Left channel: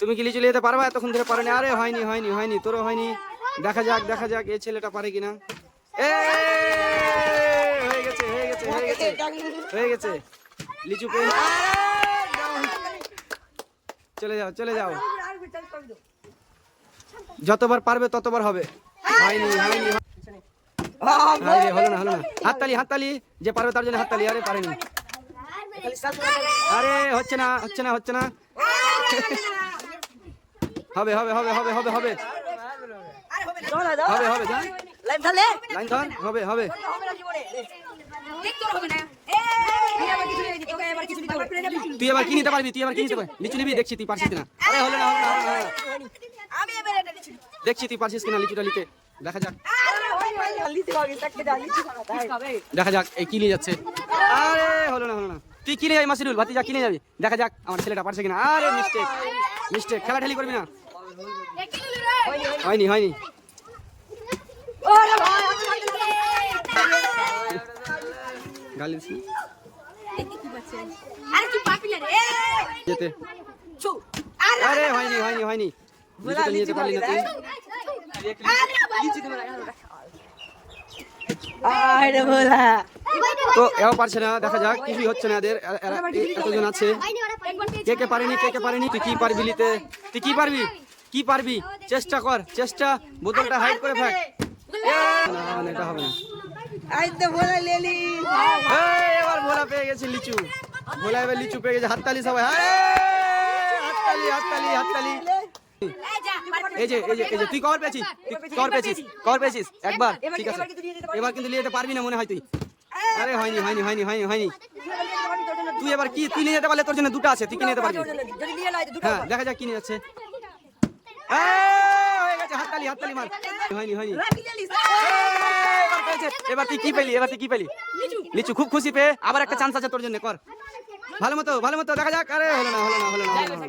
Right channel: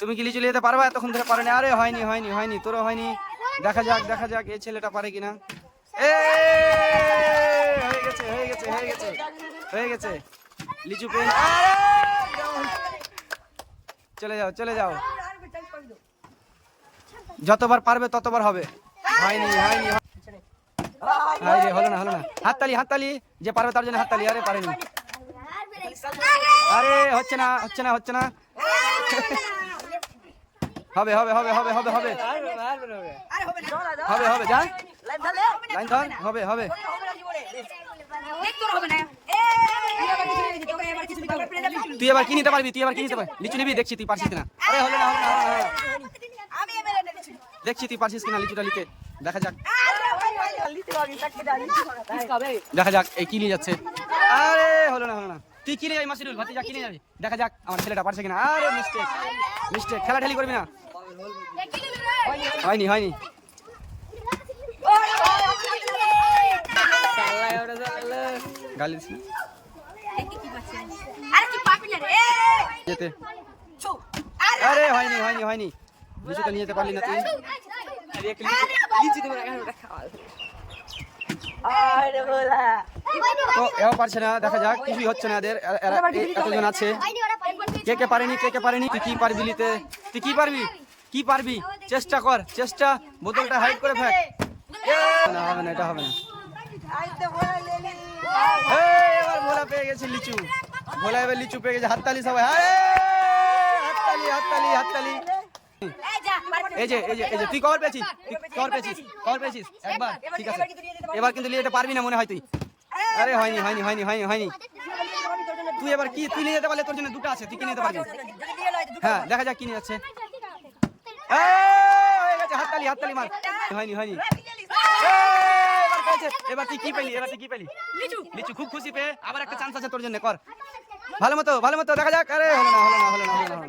তুমি কি লিচু নিতে পারবা? এতক্ষণ ধরে পারোনি। আরে হয়নি হয়নি হয়নি, তোরও হয়নি। দেখা যাক এই ছেলেটা পারে কিনা। হয়ে গেছে হয়ে গেছে হয়ে গেছে হয়ে গেছে। লিচু পেন। চলে যাও চলে যাও, যতবার পারবে ততবার হবে। হয়নি হয়নি হায় রে, হলো না হলো না। হাততালি হাততালি, যে পারবে তার জন্য হাততালি। আরে পারেনি, আরে হচ্ছে না হচ্ছে না হচ্ছে না। হবে হবে হবে হবে হবে হবে হবে হবে, যা লাইন ধর, হবে হবে। তুই এবার কি নিতে পারবি? তুই এবার কি নিতে পারবি? লিচু নিবি? দেখছি তুই পারছিস কিনা। আরে হলো না হলো না হলো না, দেখছি তুই পারছিস কিনা লিচুটা নিতে। দেখা যাক দেখা যাক এই কি নিয়ে যাচ্ছে। আরে হলো না হলো না। তুই কিনে যাবি মাসিরুল, ভাতিজা কিনে যাবি। দেখা যাক আমার ছেলেটা পারছে কিনা। আরে মিস্টেক মিস্টেক, খেলাঠেলি করবি না। হয়নি হয়নি। গালি দিস না। আরে হয়নি হয়নি হয়নি, লিচুটা নিয়ে যেতে পারলি না তুই। তো এও পারছে না। দেখা যাক, কিছুই হচ্ছে না এদের। এতজন আছে, কে কে পারেনি কে কে পারেনি। তুই কি পারবি নিতে? তুই কি পারবি? কি পারবি? চেষ্টা কর চেষ্টা। বোতলটা হাইড করে ফেক। না হবে না, এটা হবে না। এবার ভোলা পেয়ে গেছে লিচু। ভোলা এবার লিচু পেয়ে গেছে। হাততালি সবাই, হাততালি হাততালি হাততালি। এই যে এই যে এই যে, তুই কভার পেয়েছিস, তুই কভার পেয়েছিস, কভার পেয়েছিস একবার। ঠিক আছে, এবার কিন্তু নিয়ে যেতে পারবি না মনে হয় তুই। আরে হয়নি হয়নি হয়নি হয়নি হয়নি। তুই এবার কি, তুই নিয়ে যেতে পারলে তোর জন্য দুটো আছে, তুই কি নিয়ে যেতে পারবি। হ্যাঁ দেখা যাক কি নিয়ে যাচ্ছে। হয়ে গেছে, হাততালি হাততালি মার। হয়নি হয়নি। এবার পেয়েছে। এবার তুই কি পেলি? এবার তুই কি পেলি? লিচু। খুব খুশি পেয়ে আবার একটা চান্স আছে তোর জন্য, কর ভালো মতো ভালো মতো। দেখা যাক। আরে হলো না হলো না হলো না হলো না।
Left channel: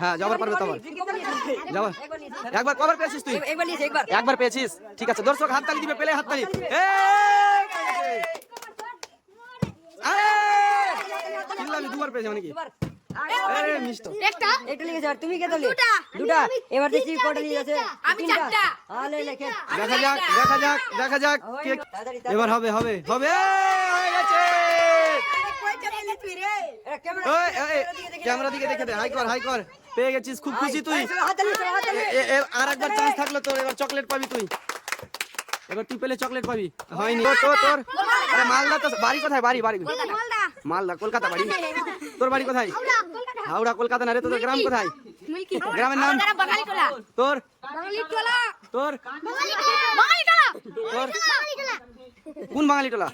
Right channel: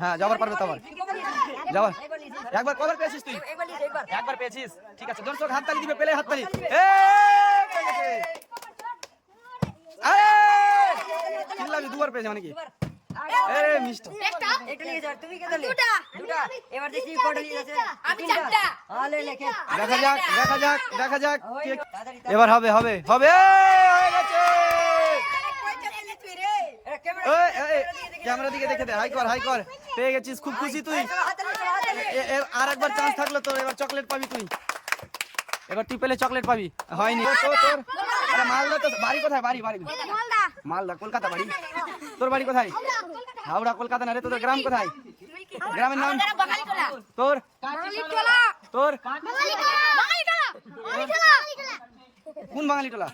হ্যাঁ যাবার পারবে তো আবার যাবার। একবার কভার পেয়েছিস তুই, একবার পেয়েছিস। ঠিক আছে, দর্শক হাততালি দিবে, পেলে হাততালি। চিল্লাবি, দুবার পেয়েছে মানে কি? আরে মিষ্টি দেখা যাক দেখা যাক দেখা যাক। এবার হবে হবে হবে। হয়ে গেছে। ক্যামেরা দিকে দেখে দে, হাই কর হাই কর। পেয়ে গেছিস, খুব খুশি তুই। আর একবার চান্স থাকলো তোর, এবার চকলেট পাবি তুই। এবার তুই পেলে চকলেট পাবি। হয়নি তোর তোর। আরে মালদা তো বাড়ি কোথায়? বাড়ি বাড়ি মালদা, কলকাতা বাড়ি। তোর বাড়ি কোথায়? হাওড়া, কলকাতা না রে। তোর গ্রাম কোথায়? গ্রামের নাম তোর? তোর কোন বাঙালি টোলা?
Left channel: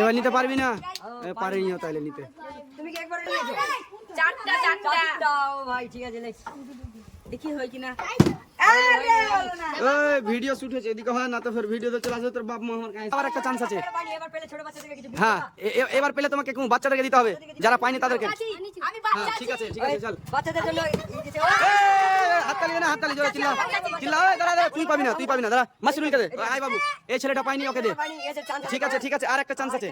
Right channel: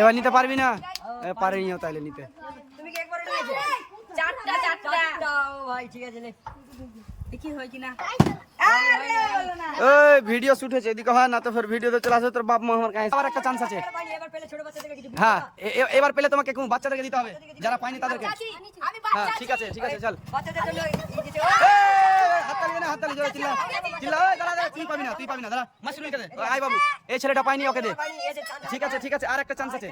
এবার নিতে পারবি না? পারেনি তাইলে নিতে। ভিডিও শুট হয়েছে, এদিকে হয় না তো ফের ভিডিওতে চলে আসবে তোর বাপ মা। আমার কাছে আবার একটা চান্স আছে। হ্যাঁ এবার পেলে তোমাকে কোন বাচ্চাটাকে দিতে হবে, যারা পায়নি তাদেরকে। হ্যাঁ ঠিক আছে ঠিক আছে, চল। হাততালি না, হাততালি জোরে চিল্লা চিল্লা। দাঁড়া দাঁড়া, তুই পাবি না তুই পাবি না। দাঁড়া মাসুল দে। আয় বাবু, এই ছেলেটা পায়নি, ওকে দে। ঠিক আছে ঠিক আছে, আর একটা চান্স আছে।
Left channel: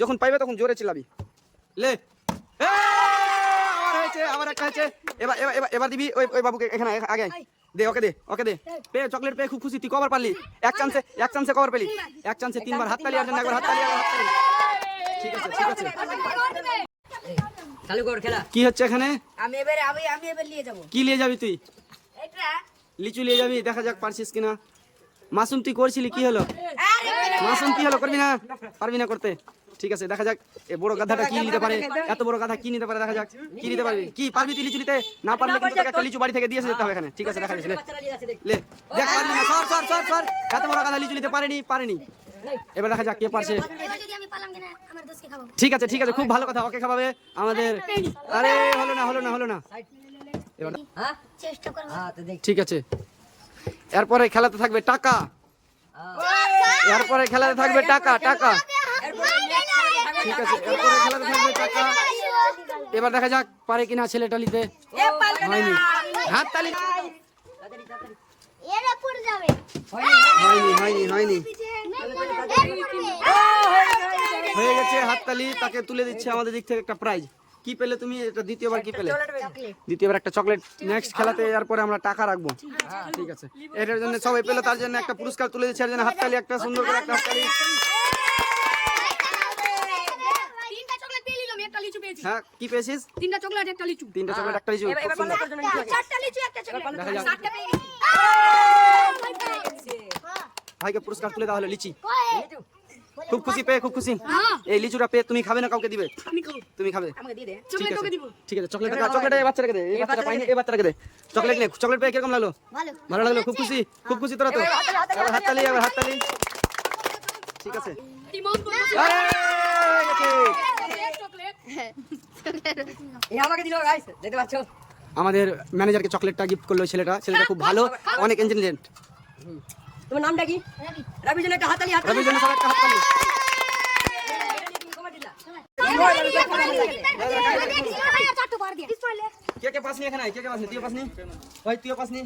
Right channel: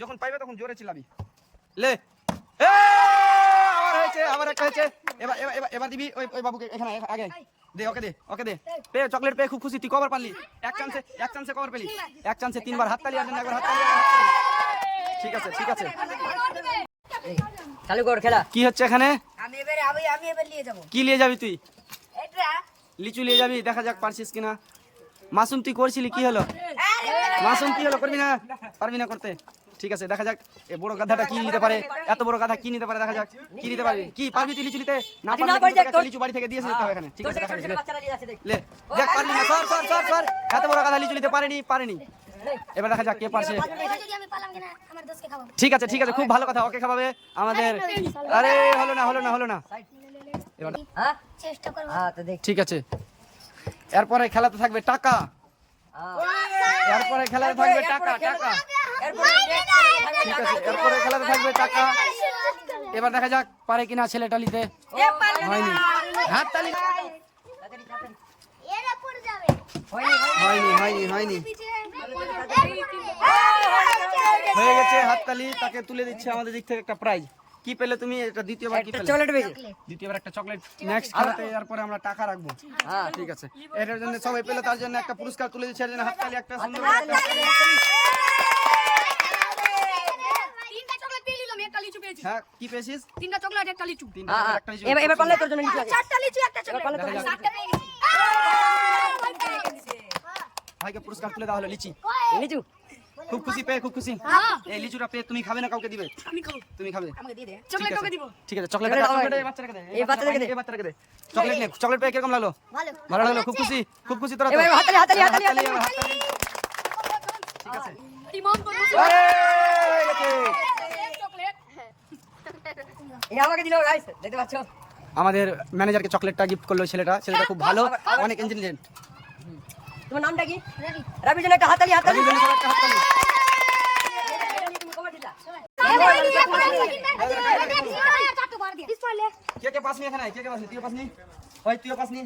যখন পাইবে তখন জোরে চিল্লাবি। লে আবার হয়েছে, আবার একটা হয়েছে। এবার এবার এবার দিবি ওই বাবুকে। এখানে আগে দে, ওকে দে ওকে দে। পেয়ে চকলেট পেয়ে খুব খুশি। তুই কবার পারলি? এক চান্সে কবার পেলি? এক চান্সে তিনবার হাততালি। আর একবার হাততালি হাততালি। ঠিক আছে ঠিক আছে, চালু কর খেলা। কি হচ্ছে এখানে? আমি এবার নিয়ে যাব। কি নিয়ে যাবি তুই? এটা লিচু নিয়ে যাবি। দেখা যাক পারছিস কিনা। মাসুম তুই করছিলি, কি হলো? মাসুম কি হলো? করবি না? পারবি না করতে? ঠিক আছে দেখা যাক এ বড় গাধাটা কি নিতে পারে। এত বড় গাধা কি নিতে পারে? দেখা যাক কি নিতে পারবি। কি পারবি তুই লিচু নিতে? না পারলে কিন্তু তোকে একটা লিচু বাড়ি থেকে দিয়ে যেতে হবে এখানে। ঠিক আছে দেখা যাচ্ছে। লে দেখ পারলি না। সর সর সর সর। এত বড় গাধা লিচু নিতে পারেনি। এবার দেখা যাক কে পারছে। ঠিক আছে ঠিক আছে, খুব ভালো কথা, ওকে খাওয়াবে আমাদের। আরে হলো না হলো না হলো না। এবার চেষ্টা করব। ঠিক আছে, এরপরে খেলাতে থাকবে টাকা। এরপরে খেলাতে থাকবে টাকা টাকা। ঠিক আছে, এরপরে খেলাতে থাকবে টাকা। এবার দেখা যাক পারে কিনা ছেলেটা নিতে। হয়নি, হাততালি। হয়নি হয়নি হয়নি হয়নি। হয়ে গেছে হাততালি, তাকে তুলে দিচ্ছে আমাদের দিক থেকে একটা প্রাইজ। কি পেলে তুমি? এটা দ্বিতীয়বার কি পেলে? দ্বিতীয়বার একটা চকলেট। নেক্সট খেলাতে এরপরে আমরা টাকা রাখবো। ঠিক আছে, এটার জন্য সবাই পেলো, তার জন্য একটা পুরস্কার তুলে দিচ্ছে, এর জন্য হাততালি, একটা সুন্দর করে একটা হাততালি। হ্যাঁ, কি পেয়েছিস? 3টা চকলেট একটা লিচু। 3টা চকলেট একটা লিচু। এবার বললে তোর জন্য লিচু লাগে। 4টা লিচু একটা চকলেট। দেখা যাক। 7টা পেয়ে গেছি। ভাইকে পুরস্কার তুলে দেওয়া হলো লিচি। লিচু খুব খুশি পেয়ে, খুব খুশি। হ্যাঁ এই লিচুটা পেয়ে তুমি খাবে না কাউকে দিবে? আমি খাবো। তুমি খাবে? আমাকে দিয়ে দে। ঠিক চকলেট আছে, তোকে দিব। ঠিক আছে। চকলেট এই বাচ্চাটাকে দে, এই বাচ্চাটাকে দে। চকলেট নে। চকলেট পেয়ে কিরকম লাগলো? ভালো। ভালো লাগলো, খুব খুশি, খুব খুশি তোরা তো। এবার হাততালি, এবার হাততালি, এবার হাততালি। ঠিক আছে। ইমাম বলছে আরে গেছে। চকলেট। এই আমাকে দিল গাইস, দেখতে পাচ্ছো? আমাদের ম্যানেজারকে চকলেটটা গিফট করলো ছেলেটা খুব ভালো, অনেক ইন্টেলিজেন্ট। তোমার নামটা কি? রবি। রবির জন্য একটা হাততালি, হাততালি। রবির জন্য সবাই একটা হাততালি। তুমি কবে দিলা? কে কে পাসনি এখানে? কে কে পাসনি? তুইও পাসনি? ওই তুইও পাসনি?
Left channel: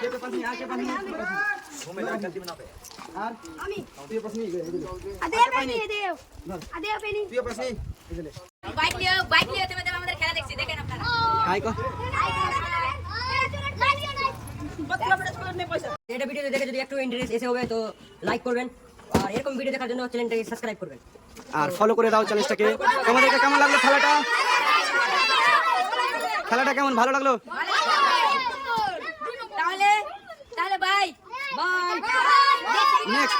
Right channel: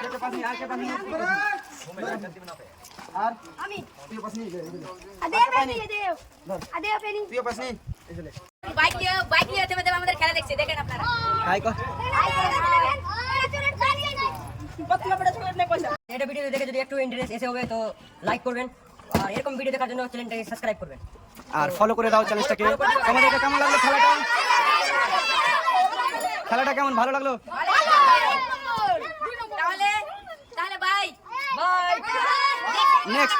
কে কে পাসনি? আর কে পাসনি? আর আমি তুইও পাসনি? আদেও পেনি দেও। আদেও পেনি। তুইও পাসনি? এই যে বাইক নিয়ে তুমি আমাদের খেলা দেখছি, দেখেন আপনারা। হাই কর। এটা ভিডিও দেখে যদি একটু ইন্টারেস্ট এসে হবে তো লাইক করবেন, আর এরকম ভিডিও দেখার জন্য চ্যানেলটাকে সাবস্ক্রাইব করবেন। আর ফলো করে দাও চ্যানেলটাকে। তোমাদেরকে কেমন লাগলো খেলাটা? খেলাটা কেমন ভালো লাগলো? তাহলে বাই বাই। নেক্সট